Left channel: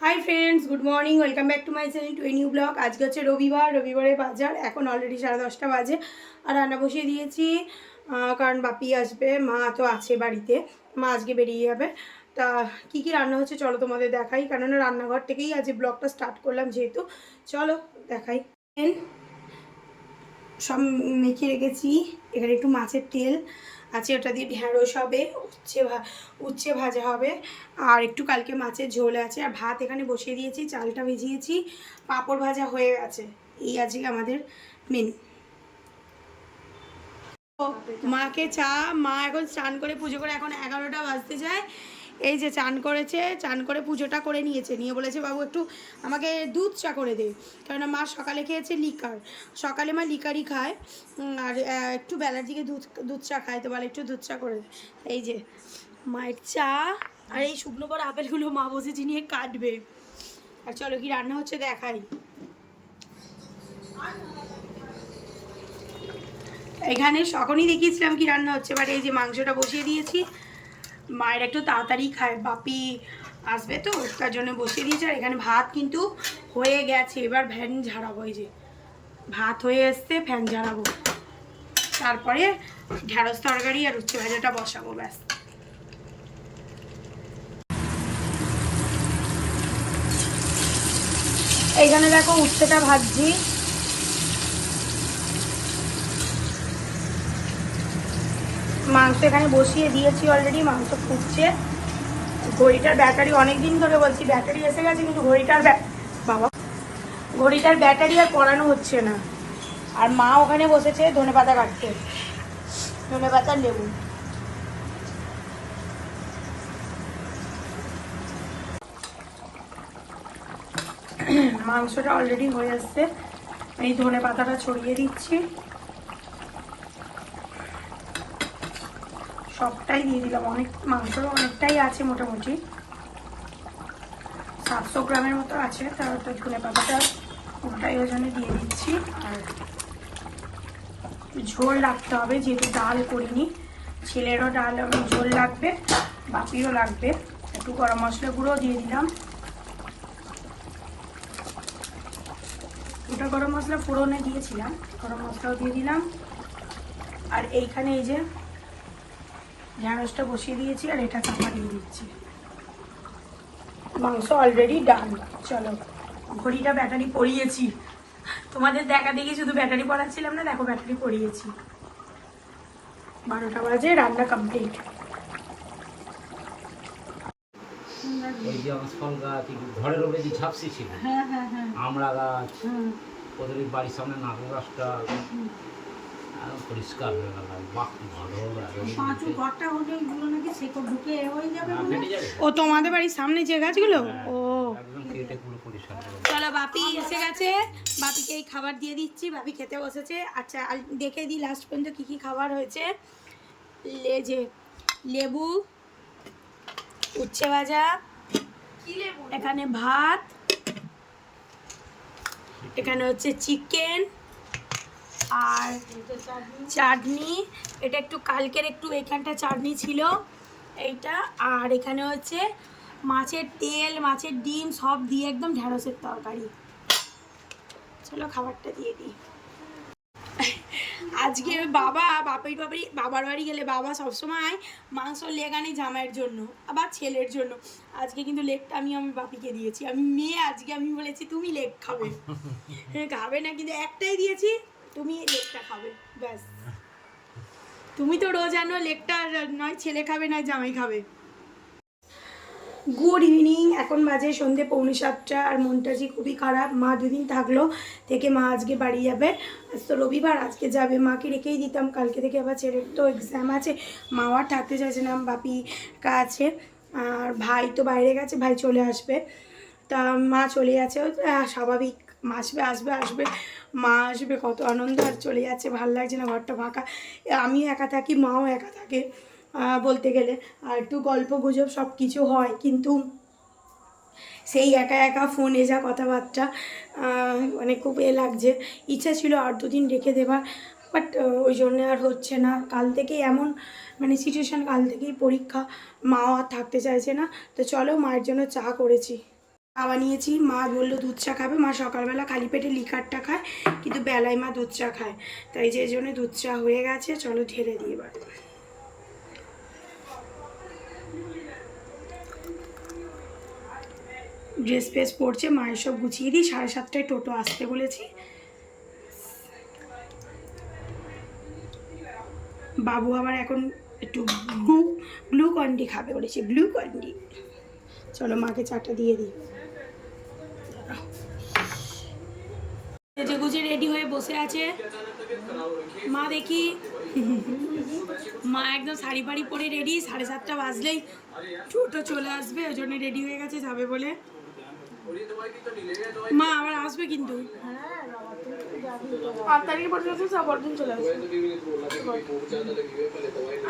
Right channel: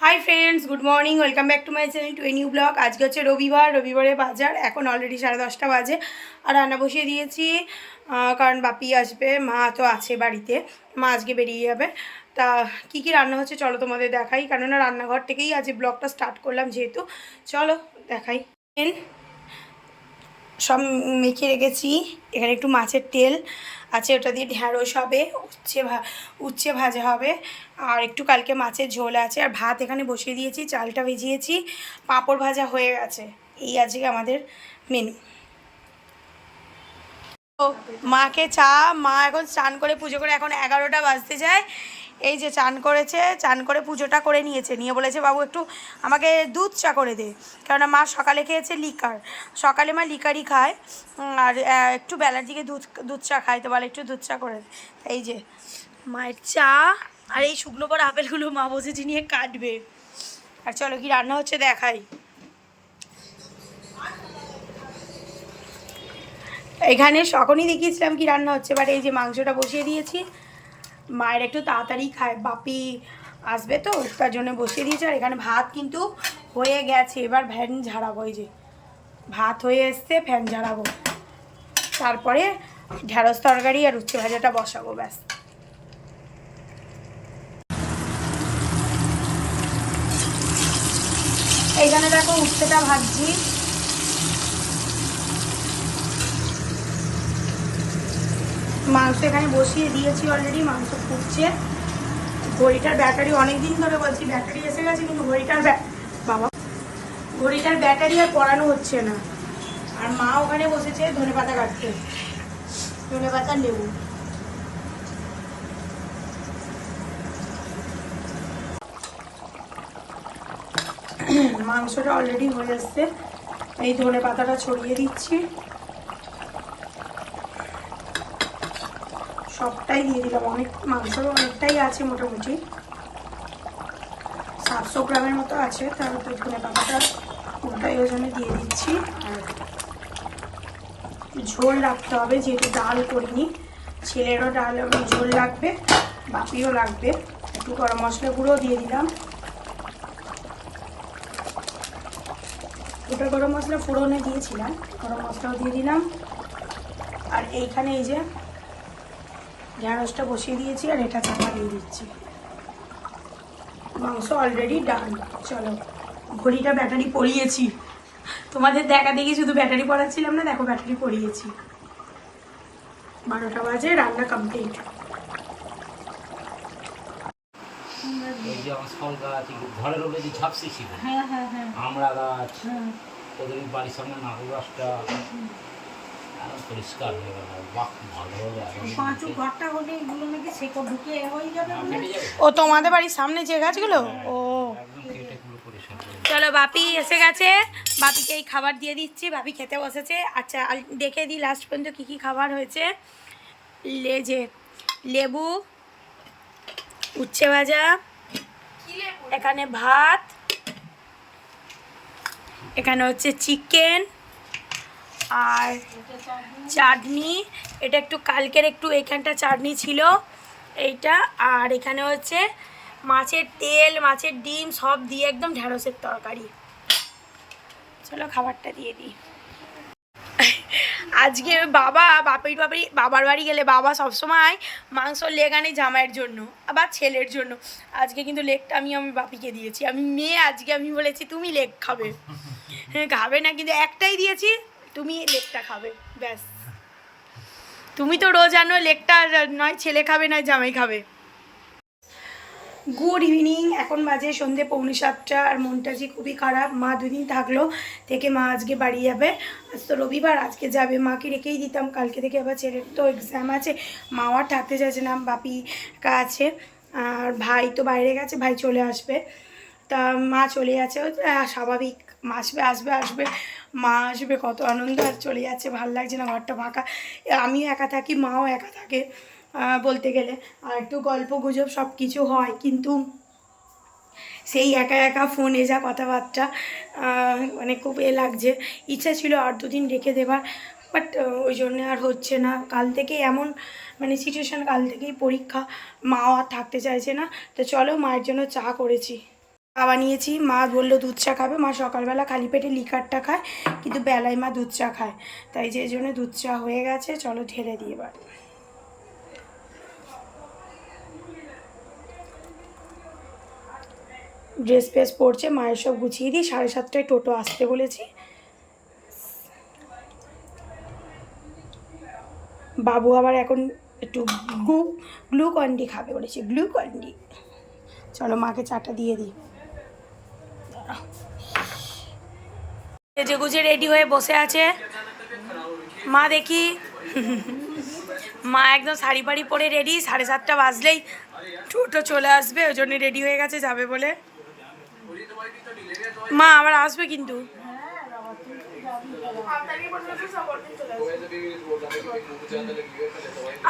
High friends good morning welcome back to my channel to a new blog. आज के হচ্ছে রবিবারে বাজার এখন অলরেডি 10:30 বাজে আর রান্না বসিয়ে দিয়েছি কারণ বাপি আসবে, মা তো আছে বাড়িতে, মা আজকে বেরিয়ে যাবে। তা কী কী রান্না হচ্ছে চলো তোমাদের দেখাই, কেননা রান্নাঘর থেকেই আজ ব্লগটা স্টার্ট করলাম যেহেতু। চলো দেখাই। সব মেখে রেখেছি, এখানে একটু মাছের তেল আছে, ওটা দিয়ে ঢ্যাঁড়স হবে, উচ্ছে ভাজা হবে, আর একটু কালকে মাছের ঝোল আছে, আর ভাত এখানে বসিয়ে দিয়েছি, চালটা ভিজিয়েছি, পাঁপড় ভাজা হয়ে গেছে। এই আজকে আমাদের মেনু। মাকে চা, মা এখন স্নান করে পুজো করে, এখন 11টা বাজতে যায়। এই যে চান করেছে, চান করে পুজোটা করে নিয়েছে, নিয়ে বলেছে বাবু একটু আমাকে দুধ চা করে দে, কেননা মা সকালে খেয়েছে লিকার, সকালে মা লিকারই খায়, আর একটু বেলার দিকে দুধ চা খায়, তো বলে একটু দুধ চা করে দে। এই যে মায়ের চা, আর এই শুকনো বড় আপেলগুলো মা বসেছি নিয়ে কাটবে। আর চলো কি রান্না হচ্ছে দেখাই। এখানে তখনই দেখিয়েছিলাম কি রান্না হচ্ছে, বাট এই যে মাংসটা বসিয়ে দিয়েছি, মায়ের একটু তাড়াতাড়ি খায়, বাপি আসবে তো তার জন্য বসিয়ে দিয়েছে। আর এখানে ভাত কিন্তু হয়ে গেছে, এবার ফ্যান ঝাড়াবো। এই যে ভাত হয়ে এসছে, ফ্যান ঝাড়াবো, তারপরে ঢ্যাঁড়স তরকারি আর উচ্ছে ভাজাটা বসাবো, ব্যাস। এইখানে দেখো উচ্ছেটা ভাজছি, মাংস এখানে বসিয়ে দিয়েছি অলরেডি, মাংস ফুটছে। ঘড়িটার ব্যাটারি অনেক দিন ধরে বলছি ব্যাটারি এসে গেছে, কিন্তু ঘড়িটার ব্যাটারি আর পড়ানো হচ্ছে না। আর মা ওখানে বসেছে ধনেপাতা কাটতে, ধনেপাতা লেবু। মাংসটা অলরেডি হয়ে আসছে, এই ধনেপাতাটা ছড়িয়ে দিচ্ছি, সবটাই দিয়ে দিলাম। অনেক মাংসরও অনেকটাই আছে, মোটামুটি 700 গ্রামের মতো আছে, তারপর ধনেপাতাটা ওটাই ওই জন্য দিয়ে দিচ্ছি। আর ঝোল রাখতে হবে, যেহেতু ডাল করিনি, ছেলেরও ডাল ঝোল লাগবে, বাপিরও লাগবে। একটু গরম মশলা গুঁড়ো দিয়ে দিলাম, গোটা গরম মশলা ফোড়নে দিয়েছিলাম, গরম মশলাও দিয়ে দিলাম। আর এইখানে এই যে ঢ্যাঁড়সটা বসিয়ে দিয়েছি, আর এটা চাপা দিয়ে দিচ্ছি। মাংস অলরেডি ডান। চলো ঘড়িটা ব্যাটারি পরিয়েছি, তোমাদের দেখা দেখি শুধু ব্যাটারি পড়াচ্ছিলাম না, দেখো ব্যাটারি পরিয়েছি। 12টা বাজে, রান্না কমপ্লিট। এই যে ফল গাছ ঘরের উপরে যে ঝাপসি ছিল, আমড়া গাছ, ওদের বাড়ির সামনে নারকেল গাছটা পরিষ্কার হয়ে গেল। বাহ ভালো হলো, ও তোমাদের বাড়ির সামনে যে গাছগুলো, ও চলো বাপি এসে গেছে, বাপিকে এই খাবার দিয়ে দিচ্ছি, বাপি খেতে বসেছে। আচ্ছা দেখে দিই লাস্ট পর্যন্ত কী কী খাবার হয়েছে। লেবু, উচ্ছে ভাজা, এখানে ভাত, এখানে হচ্ছে চিকেন, আর চাটনি, এটা একটু কালকের একটু এইখানটা চাটনি ছিল এইটা, আর এখানে হচ্ছে মাছের তেল, মাছের ডিম সব দিয়ে একদম ঢ্যাঁড়সের তরকারি। চলো খাবারটা দিয়ে দিই। আজকে বাবার বাড়ি গেলে বাবা সবসময় মাংসর লেগ আনে জামাইয়ের জন্য আবার ছেলের জন্য। আজকে কিন্তু লেগটা আমি বাপিকে দিয়েছি, আমি মেয়ে, আজকে আমি বলেছি তুমি লেগ খাবে। হ্যাঁ খাবে না, কিন্তু একটাই দিয়েছি, তুমি লেগটা খাবে, ব্যাস। তুমি তো রোজ আনো লেগটা, নয় ছেলে খাবে নয় জামাই খাবে। গুড ইভিনিং, এখন বাজে সন্ধে 6:45, আর মনটা যে খুবই খারাপ। মা দুদিন থাকলো, থেকে মা আজকে বাড়ি যাবে। আজ তো রবিবার, আজকে যাবে, মাকে রেখেই দিতাম, কালকে থেকে আবার ছেলের তো এক্সাম আছে, মাও আর থাকতে চাইছে না, বাপি আছে, আর ভাই তো বাইরে গেছে, ভাই চলে আসবে। তা মা চলে যাচ্ছে, স্বাভাবিক, আসবে, মা আসবে, কত আনন্দ, আর চলে যাচ্ছে, ভালো লাগছে না, ঘরটা ফাঁকা, আমিও একা থাকি, মাও একা থাকে বলতে গেলে, আর একটু গল্প গুজব সব কিছু হয়, কিন্তু সেই একা একা ফোনে যা কথাবার্তা, মানে খুব লাগছে। ইচ্ছা ছিল আর 2 দিন রেখে দেবার, বাট ওই জন্যে আর হচ্ছে না। কাল থেকে এমন মানে সিচুয়েশান, কাল থেকেই পরীক্ষা, মাও আর থাকতে চাইছে না। তো চলো মায়ের জন্য চা করেছি। চা বানিয়েছি, মা বললো দুধ চা খাবে। মা সকালবেলা খালি পেটে লিকারটা খায়, কিন্তু বেলায় মা দুধ চা খায়, তাই যে জন্য দুধ চা হয়ে গেছে। চলো ঢেলে দিই এবার। ড্রেস ফ্রেস পরছে, মায়ের সব গুছিয়ে দিই। 7:30টায় টোটো আসতে বলেছি। বাবু আবার এখন একটু গ্লুকন্ডি খাবে বলেছে, গ্লুকন্ডি। চলো মাকে চাটা দিয়ে দিই। সেজে গুজে রেডি হয়ে বসে আছে মা, দেখি। মা একদম শাড়ি ফাড়ি পরে রেডি, 7:30 বাজলেই টোটো চলে আসবে, ওই জন্য রেডি হয়ে গেছে যাবে বলে। মা আবার আসবে কিন্তু।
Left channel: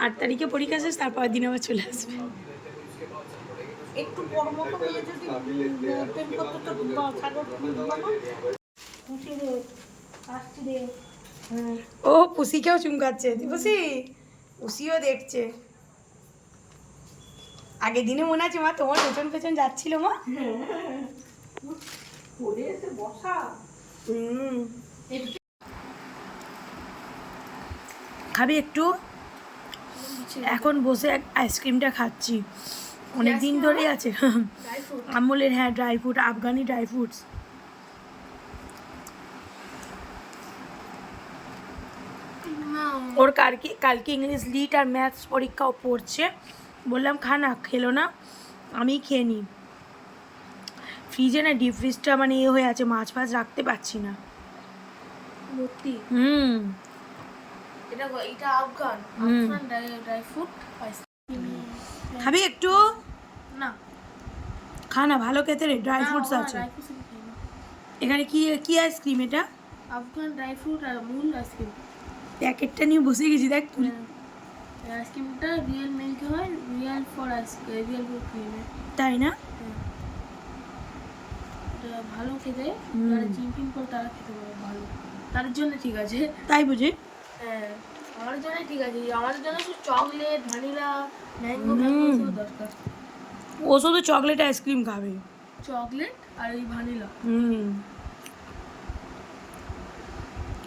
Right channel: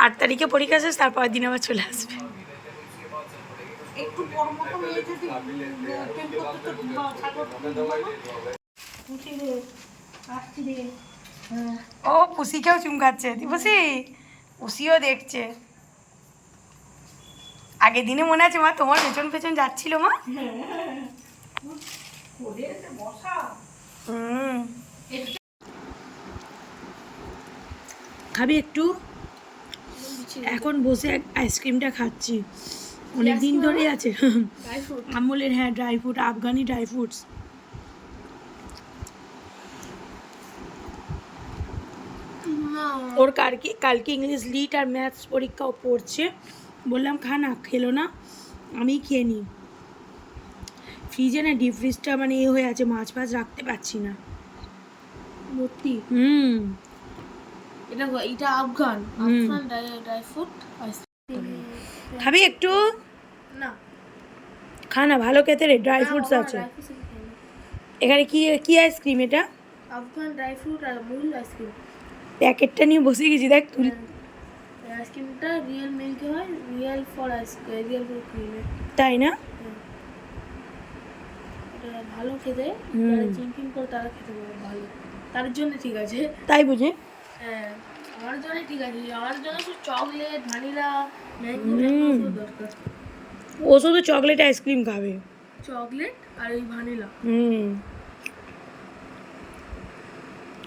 8 তারিখে পরীক্ষা শেষ, তারপর দিন আবার চলে আসবে। ও পুষিকেও চুমকাচ্ছে, পুষি, পুষিও দেখছে। আগের দিনে মনে আছে মা তোমার পেছন পেছন যাচ্ছিল মা? খাবি একটু? এখন বসে আইসক্রিমটা খাচ্ছি, অনেক দিন ধরেই আছে। আমুলের, হ্যাঁ ড্রাই ফ্রুট, আফগানি ড্রাই ফ্রুটস। ওর কালকে ইংলিশ লিট আর ম্যাথস পরীক্ষাও পড়ছে। বললাম খা না, খেলো না, আমি খেয়ে নিই। ফ্রিজে না ডিপ ফ্রিজটা মানে এ হয়ে আছে, মাছ ফাছ রাখতে পারছি না। এটা আফগান ড্রাই ফ্রুট। খাবি একটু? না খা না, ভালো খেতে রে, ড্রাই ফ্রুটস আছে এখানে। কি কি আইসক্রিম এটা? আফগান ড্রাই ফ্রুট আর আমুল আইসক্রিম। প্যাকেটটা নিয়ে বসে গেছি, দেখ তুই। আইসক্রিমটা রিয়েল মিল্ক হয়, real for ice cream, real for cream. তাই না? এটা ভালো খেতে, যারা চিংকিং করে তারা খেতে পারে ভালো, তার জন্য ঠিক আছে। তাই বুঝি? হ্যাঁ আমার জন্য ঠিক আছে, আমার জন্য শুধু চকলেট, ভ্যানিলা, ম্যাঙ্গো দরকার। ও শুধু চকলেট আইসক্রিম খাবে, চকলেট আর এই ভ্যানিলা,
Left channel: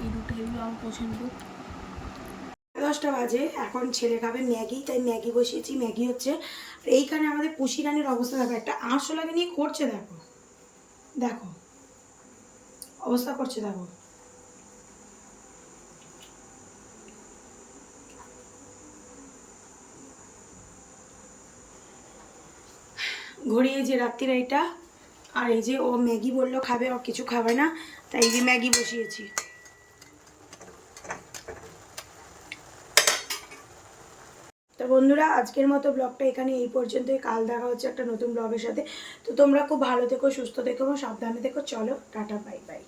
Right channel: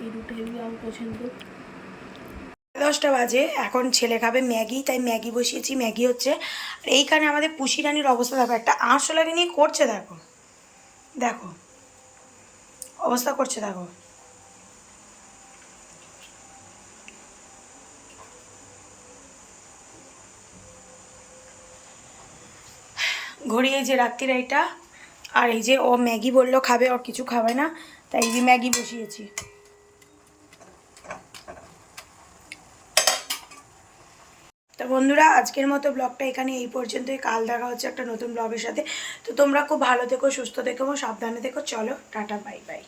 এই দুটো হেভি আমার পছন্দ। 10টা বাজে, এখন ছেলে খাবে ম্যাগি, তাই ম্যাগি বসিয়েছি, ম্যাগি হচ্ছে। আর এইখানে আমাদের পুষি রানীর অবস্থা দেখো, একটা আরশোলাকে নিয়ে করছে, দেখো দেখো অবস্থা করছে দেখো। ঘড়ি এই যে রাত্রির এইটা, আর এই যে ও ম্যাগি বললো খাবে, ওর কিছু খাবে না, তাই এই যে ম্যাগি বসিয়েছি। তো বন্ধুরা আজকের মতো ব্লগটা এখানে এই পর্যন্তই। কাল দেখা হচ্ছে একটা নতুন ব্লগের সাথে। তো তোমরা খুব ভালো থেকো, সুস্থ থেকো এবং সাবধানে থেকো। চলো টাটা, বাই বাই।